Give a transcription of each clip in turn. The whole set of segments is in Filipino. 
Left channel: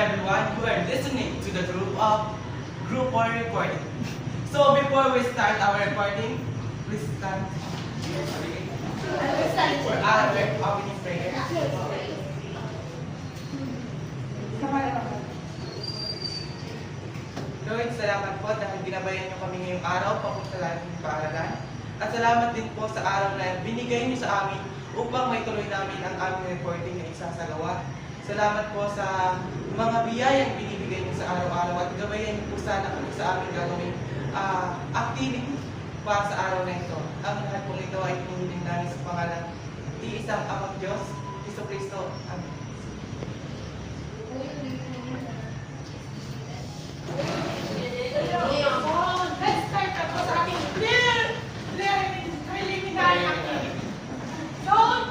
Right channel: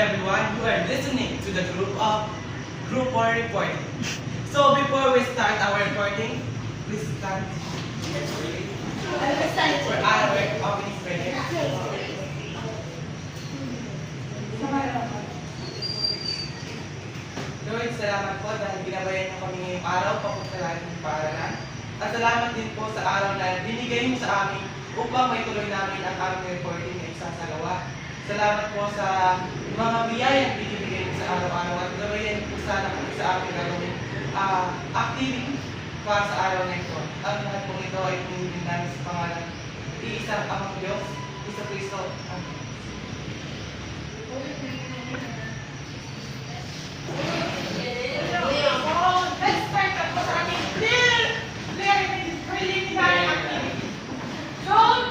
everyone. You are listening to the Group 1 recording. So before we start our recording, please stand for our opening prayer. Lord, salamat po dahil ginabayan niyo kami ngayong araw papunta namin ng paaralan. At salamat din po sa araw na binigay niyo sa amin upang may tuloy namin ang aming recording na isasagawa. Salamat po sa mga biyayang binibigay niyo sa araw-araw at gabayan niyo po sana kami sa aming gagawin activity para sa araw na ito. Ang lahat po ito ay pinilin namin sa pangalan iisang Amang Diyos, Iso Kristo. Amen. Let's start up sa ating preliminary activity. Don't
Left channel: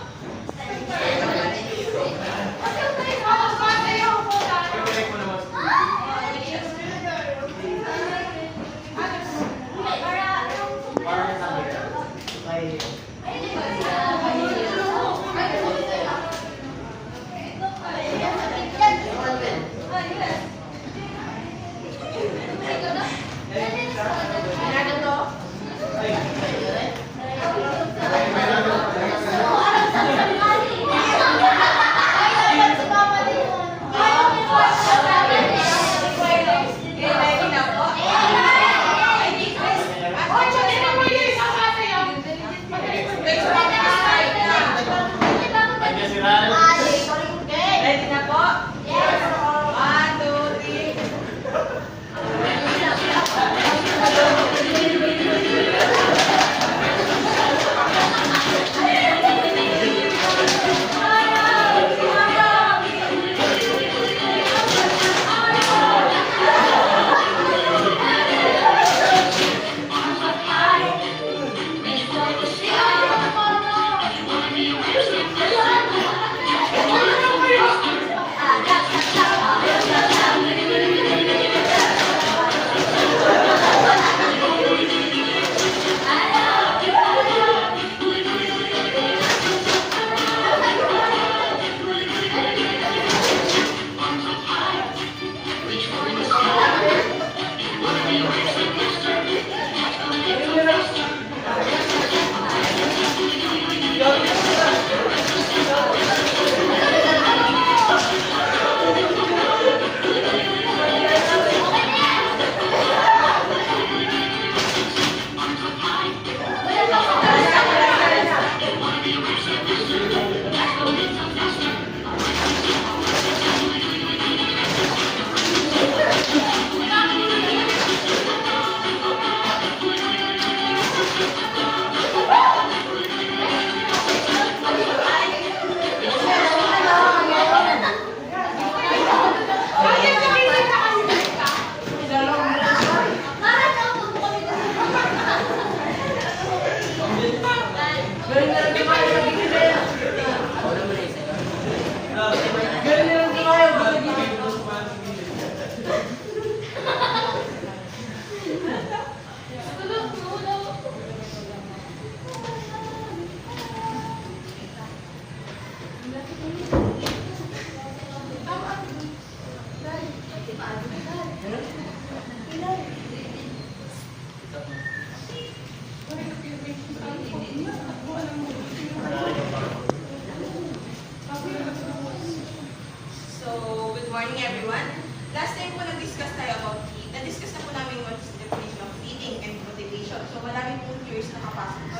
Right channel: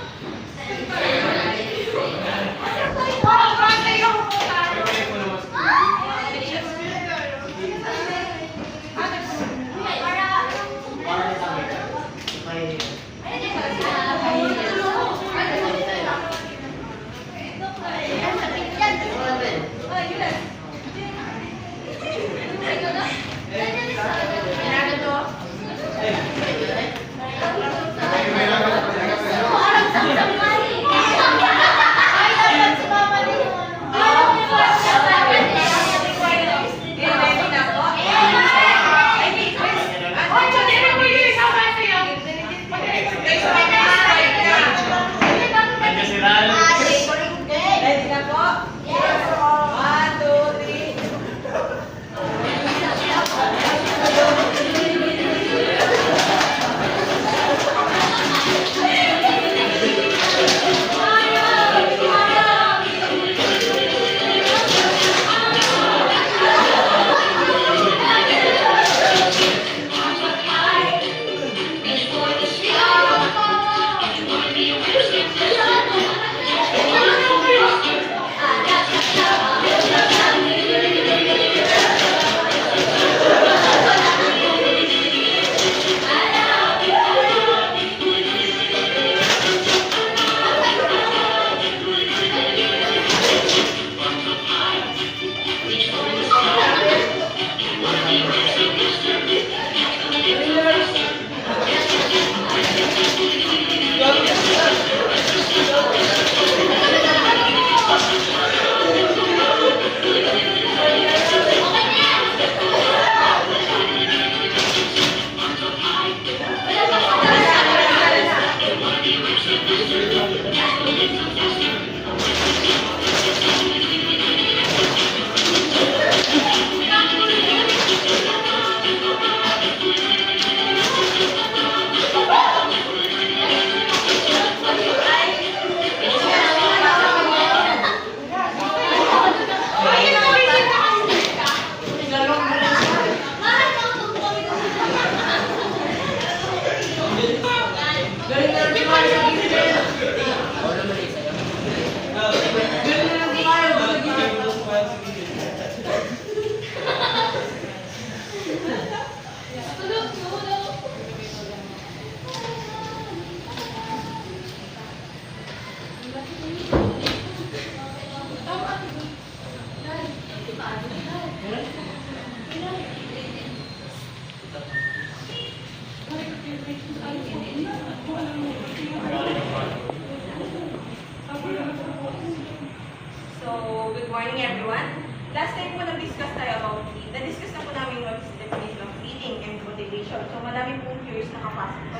good morning everyone. Last time po nag-discuss tayo about heat. Na-discuss na po namin what is the definition of eating and motivation. So madami pong curious nakapasok po.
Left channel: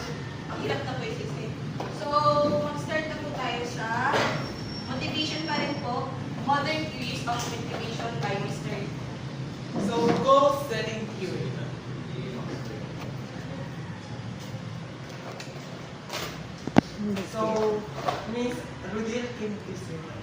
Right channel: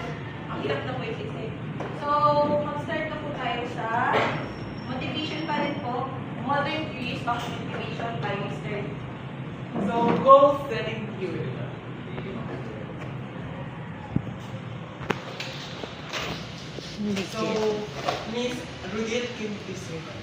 Ang hirap na po isisip. So mag-start na po tayo sa motivation pa rin po. Modern theories of motivation by Mr. So, goal setting theory. So, Miss Rudil, can you please say that?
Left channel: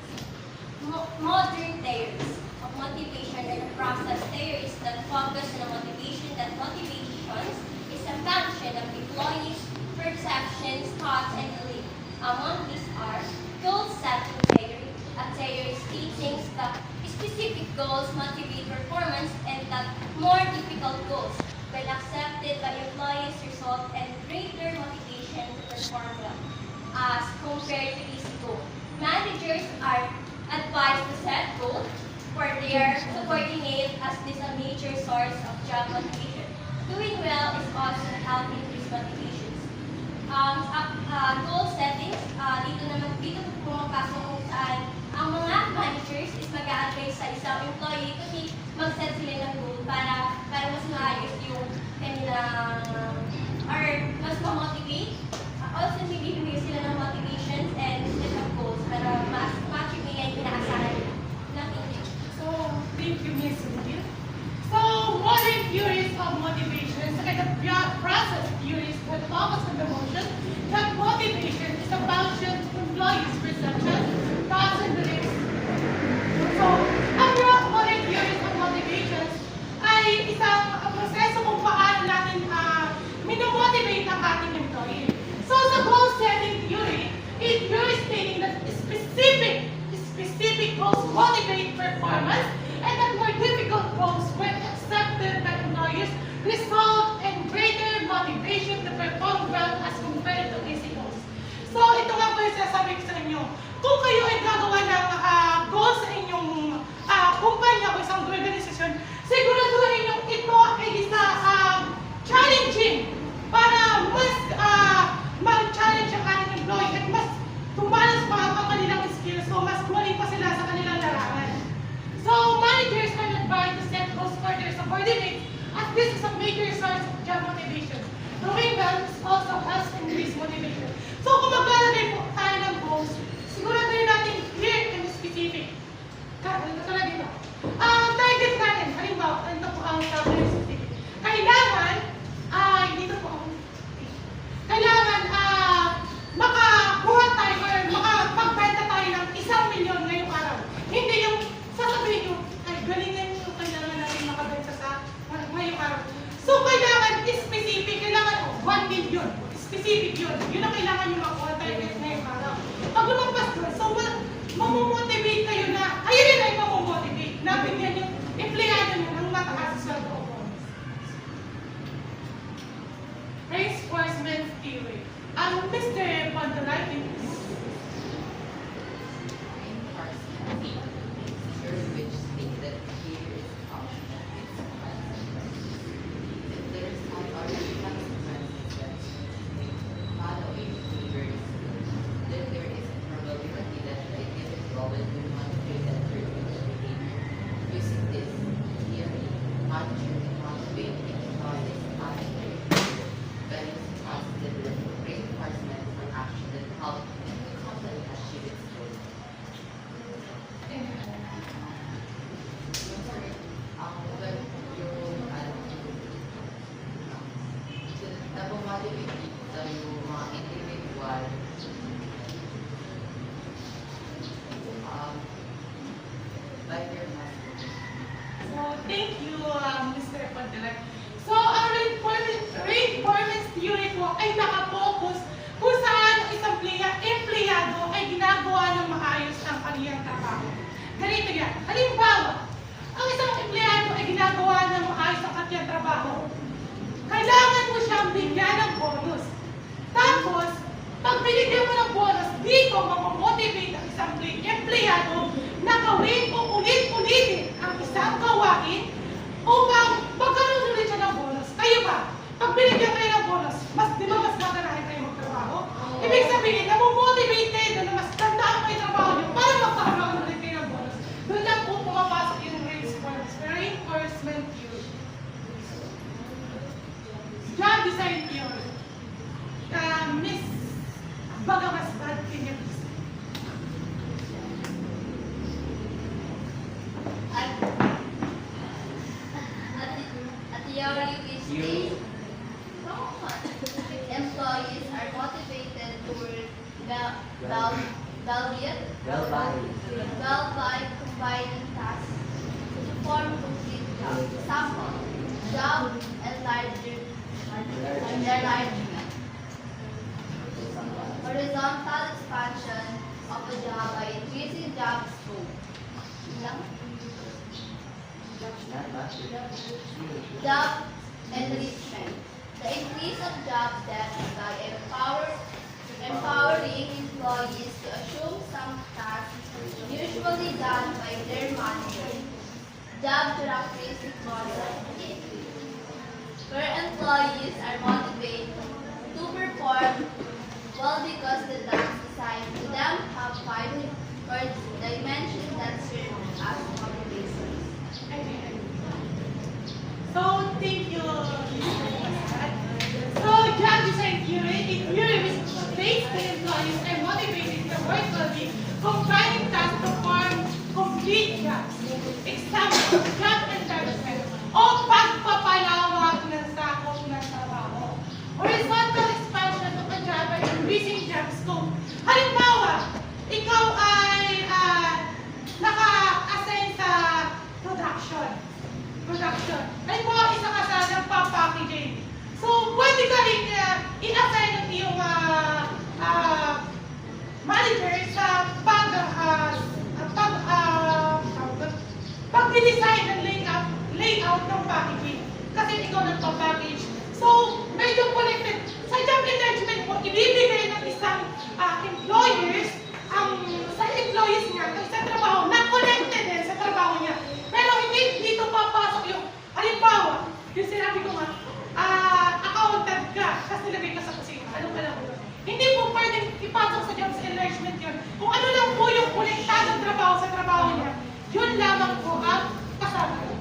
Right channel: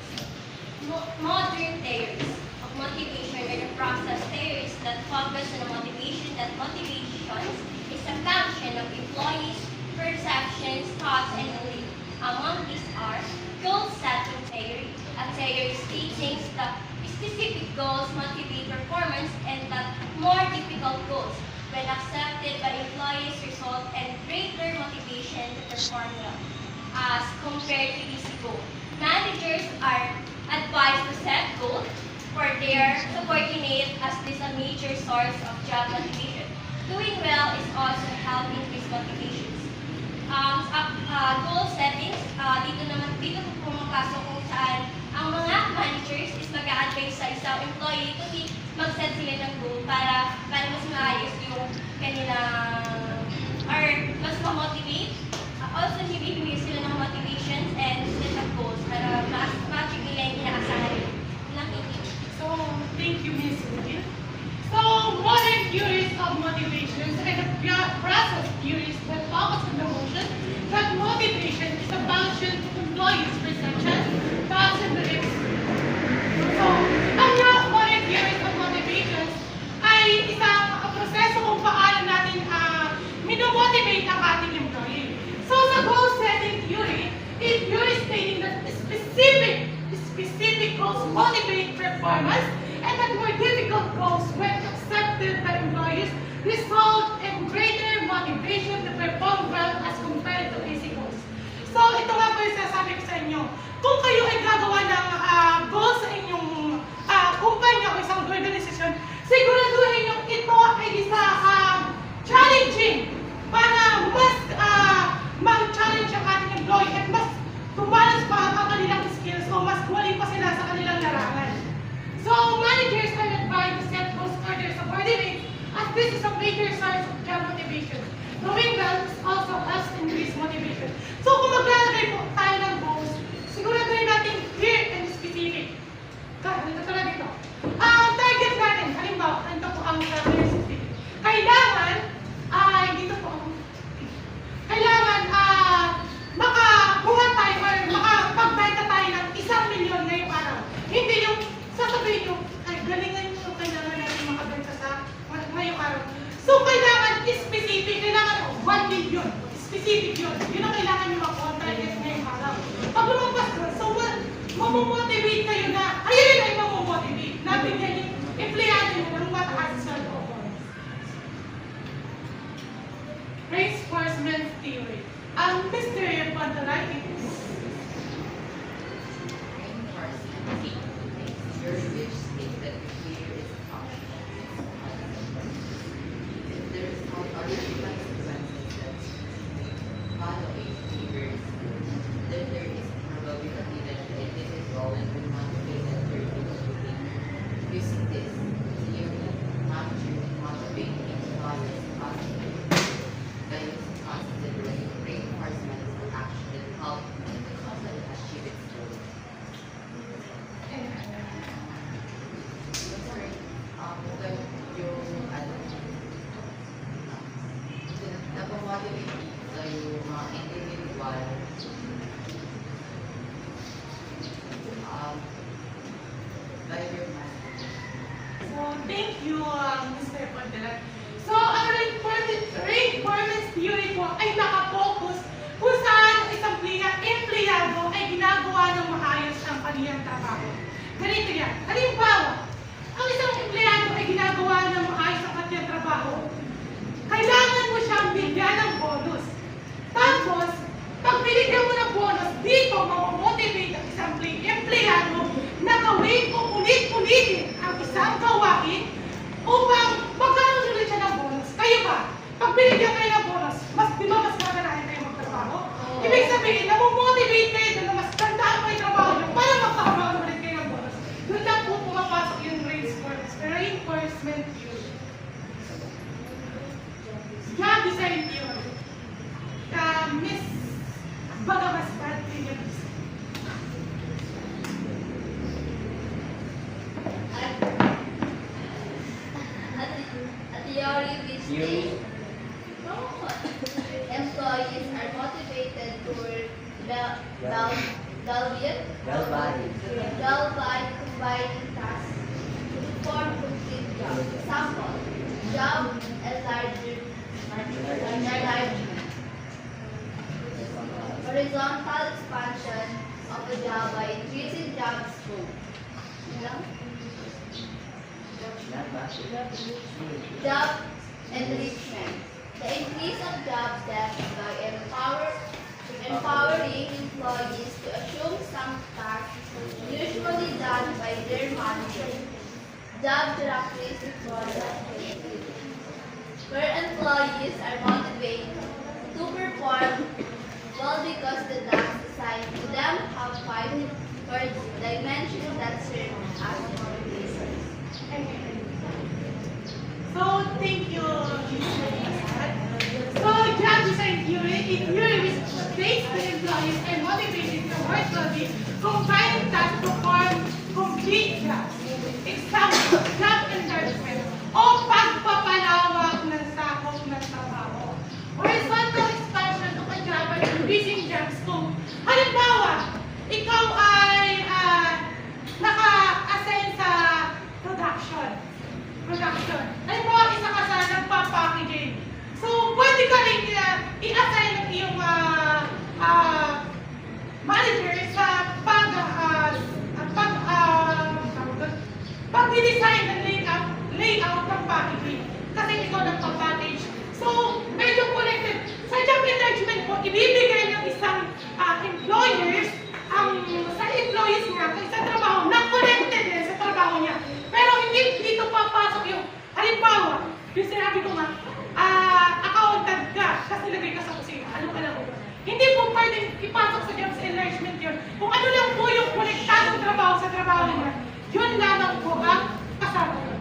Modern theories of motivation are the process theories that focus on a motivation that motivations is a function of employees' perceptions, thoughts, and beliefs. Among these are goal-setting theory, a theory stating that specific goals motivate performance and that more difficult goals, when accepted by employees, result in greater motivation to perform well, as compared to easy goals. Managers are advised to set goals for their subordinate as this a major source of job motivation. Doing well is also help increase motivations. Goal settings, dito pumapasok kung saan ang mga managers is mag-a-advise sa isang employee kasi mag-set sila ng goal para mas maayos yung kanilang or mas ma-motivate. Also, bibigyan sila ng motivations and set of goals para ma-achieve nila yung inaasahan nila. Thank you. So, thank you, Miss Reville. So, modern theories of motivation and the process theories that focus on the notion that motivation is a function of employees' perception, thoughts, and beliefs. So, ang modern theories of motivations ay isang proseso kung paano natin minomotivate ang ating employee. So, sa goal setting theory, it theory stating that specific goals motivate performance and that more difficult goals, when accepted by employees, result in greater motivation to perform well as compared to easy goals. So, ito nga po yung sasabi ko sa inyo. Kung kayo ay gagawa ng goals sa inyong kumpanya o isang organisasyon, siguraduhin nyo ito ay isa challenging para mas mag-challenge ang ating employee at mas tumalas pa ang kanilang skills o mas kuwali pa sila sa kanilang larangan. So, managers are advised to set goals for their subordinates as this is a major source of job motivation. Doing well also helps increase motivation. So, kung maglalagay po tayo ng goals, siguraduhin natin clear and specific. Katulad dito. Ang target natin, halimbawa, ito po ang sabi ng specific. Kailangan makakuha tayo or makapagbenta tayo ng 1,000,000 ngayong araw. Hindi yung sasabihin nyo, ay galingan nyo, kailangan natin makabenta sa ngayong araw. So, kailangan specific, kailangan 1 million. Specific yun. Yun ang kailangan nyo makuha target ngayong araw. Pag lumagpas doon, so mamomotivate kayo na, ayun ay mamomotivate. Nabigyan yung empleyado nyo ng mataas sa loob. Reinforcement theory. Mr. Pantalay, thank you, Mr. Pantalay. So, ang reinforcement theory po ay nakapokus kung saan ang isang empleyado ay ginagawa ng maayos ang kanyang trabaho. Ganito yan. Halimbawa, ang isang empleyado ay ginagawa ng maayos ang kanyang trabaho. Kailangan mo siyang bigyan ng bonus. Tapos, pag binigyan mo ng bonus, dito mamomotivate ang isang empleyado na gawin o ulit-ulitin ang isang gawain upang magkaroon ulit siya ng bonus. Kayo ba? Pag binigyan kayo ng bonus, di ba mas maganahin kayo magtrabaho? Ibig sabihin, namomotivate kayo na mas tandaan pa yung trabaho nyo para magkakaroon ulit kayo ng bonus. Doon lang po pumapasok yung reinforcement theory. Job design theory. Miss Bagamasbad, can you please? A theory which states employees are motivated to work well by combining tasks to perform complete jobs. Example, job enlargement. Horizontal expansion of a job by increasing job scope. Job enrichment. The increase of job depth by empowering employees to assume some tasks usually done by their manager. job characteristics for where employees are motivated to perform well because the tasks assigned to them have 5 core dimensions that serve as motivators. So, thank you, So, job design theory, in theory which states the employees are motivated to work well, combining tasks to perform complete jobs. Example, job enlargement o pagpapalawak ng sakop ng trabaho. Horizontal expansion of a job by increasing job scope. Halimbawa, ikaw ay naka-assign sa production. Halimbawa, isa ka sa nagpa-packaging. So, pwede ka rin i-assign ng iyong manager sa pag-design ng layout ng packaging. Kasi ikaw nagpa-package. So, medyo connected. Sa job enlargement po, ibibigay ng isang employers sa employees niya, sa isang trabaho, na connected din sa trabaho niya. Pero hindi dito papasok yung, halimbawa, yung sinabi ko nga, accountant ka, kasi nilagay ka sa kusina. Anong alam mo yun? Hindi po pwedeng ipasok sa jobs enlargement yun. Kung ano lang po yung konektadong trabaho sa trabaho niya, yun lamang po ang kasama yun.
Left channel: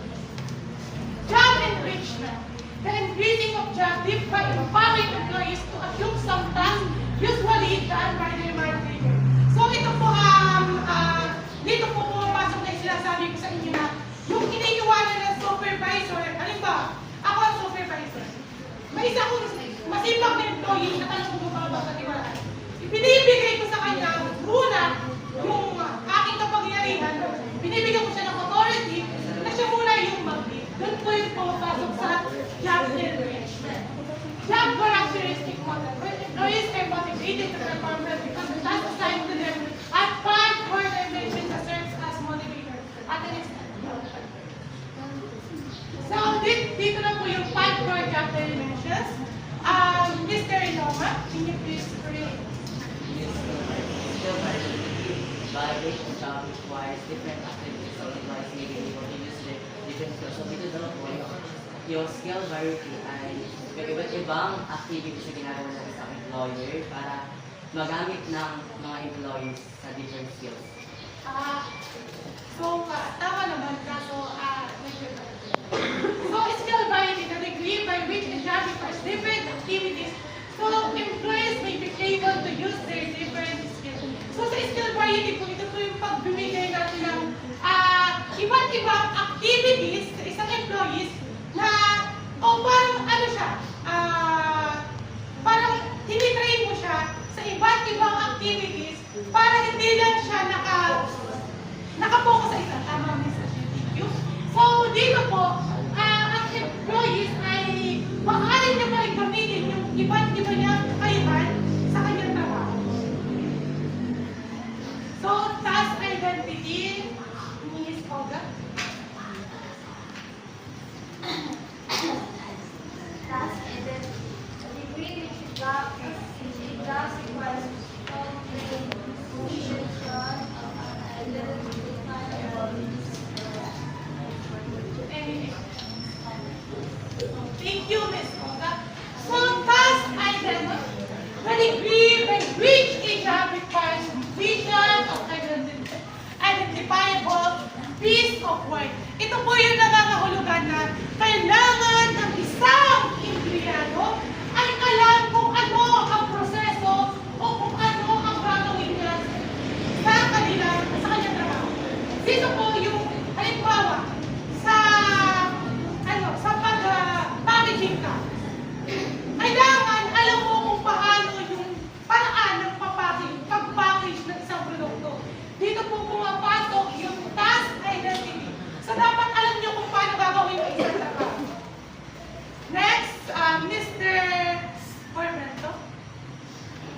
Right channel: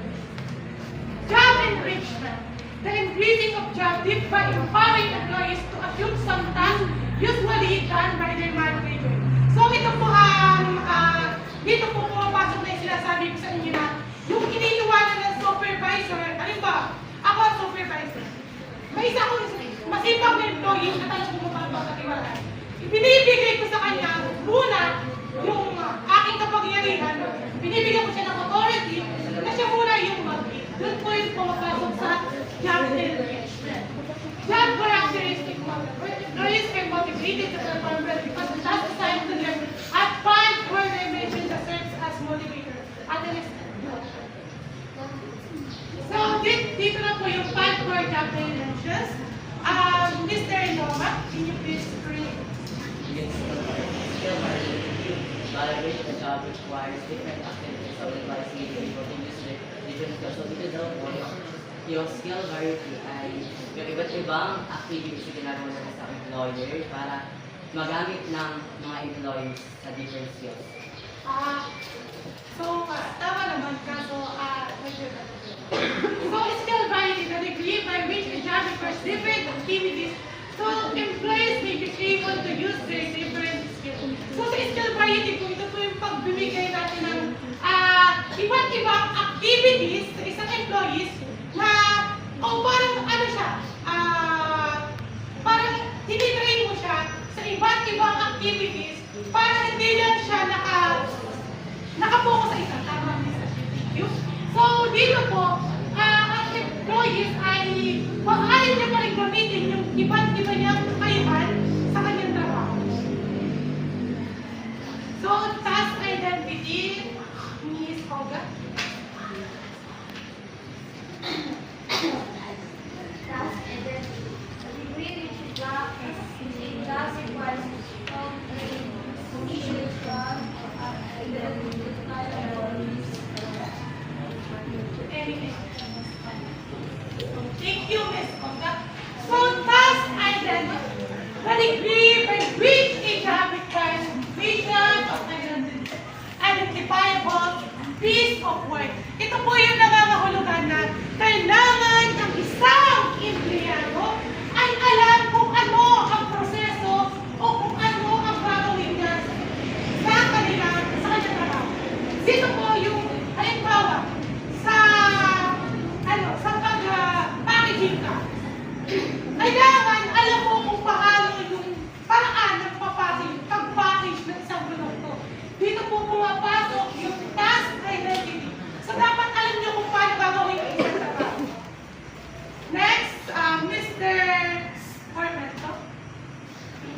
Job enrichment. The increasing of job did by empowering employees to assume some tasks usually done by their manager. So ito po dito po pumapasok na yung sinasabi ko sa inyo na yung iniiwanan ng supervisor, halimbawa, ako ang supervisor. May isa akong masipag na employee na talagang bumababa sa tiwala. Ibinibigay ko sa kanya muna yung aking kapangyarihan, binibigyan ko siya ng authority na siya muna yung mag-lead. Doon po yung pumapasok sa job enrichment. Job characteristic model. Where employees are motivated to perform well because the task assigned to them at 5 core dimensions that serves as motivator. At an extent. So, dito na po yung 5 core job dimensions. Mr. Noma, can you please create? Validation job requires different activities, so requires giving continuously different skills. So dito daw po yung skill variety ay yung iba't ibang activities na ginagawa natin sa employer para magamit ng mga employees sa different skills. Tama naman ka. So, skill variety, the degree by which a job requires different activities. So, employees may be able to use their different skills. So, sa skill variety po, ito po yung pagbibigay natin ng iba't ibang activities sa isang employees na, parang ano siya, parang tinitrain mo siya sa iba't ibang activities para hindi lang siya nakapokus sa isa. Tama, Mr. Thank you. So, dito po, ang employees ay maaari niya pa rin gamitin yung iba't iba niyang kakayahan sa kanyang trabaho. So, task identity, Ms. Olga. Task identity. The degree which is job requires strong training, social, identity, Thank you, Ms. Olga. So, task identity. The degree by which a job requires vision of identifiable piece of work. Ito po yung nangangahulugan na kailangan ng isang empleyado ay alam kung ano ang proseso o kung ano ang gagawin niya sa kanyang trabaho. Dito po yung halimbawa sa pag-packaging ka. Kailangan alam mo kung paano yung paraan ng pag-package ng isang produkto. Dito po pumapasok yung task identity. So dapat alam nyo kung paano gagawin yung isang trabaho. Next, Mr. Ormento.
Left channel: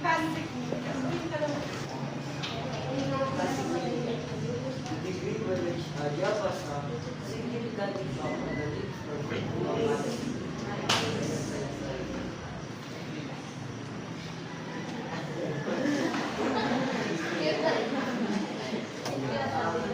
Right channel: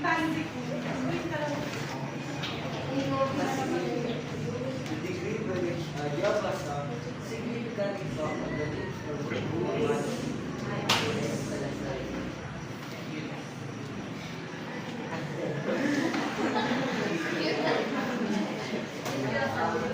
Tanzi ko. The degree by which job was significant from the need for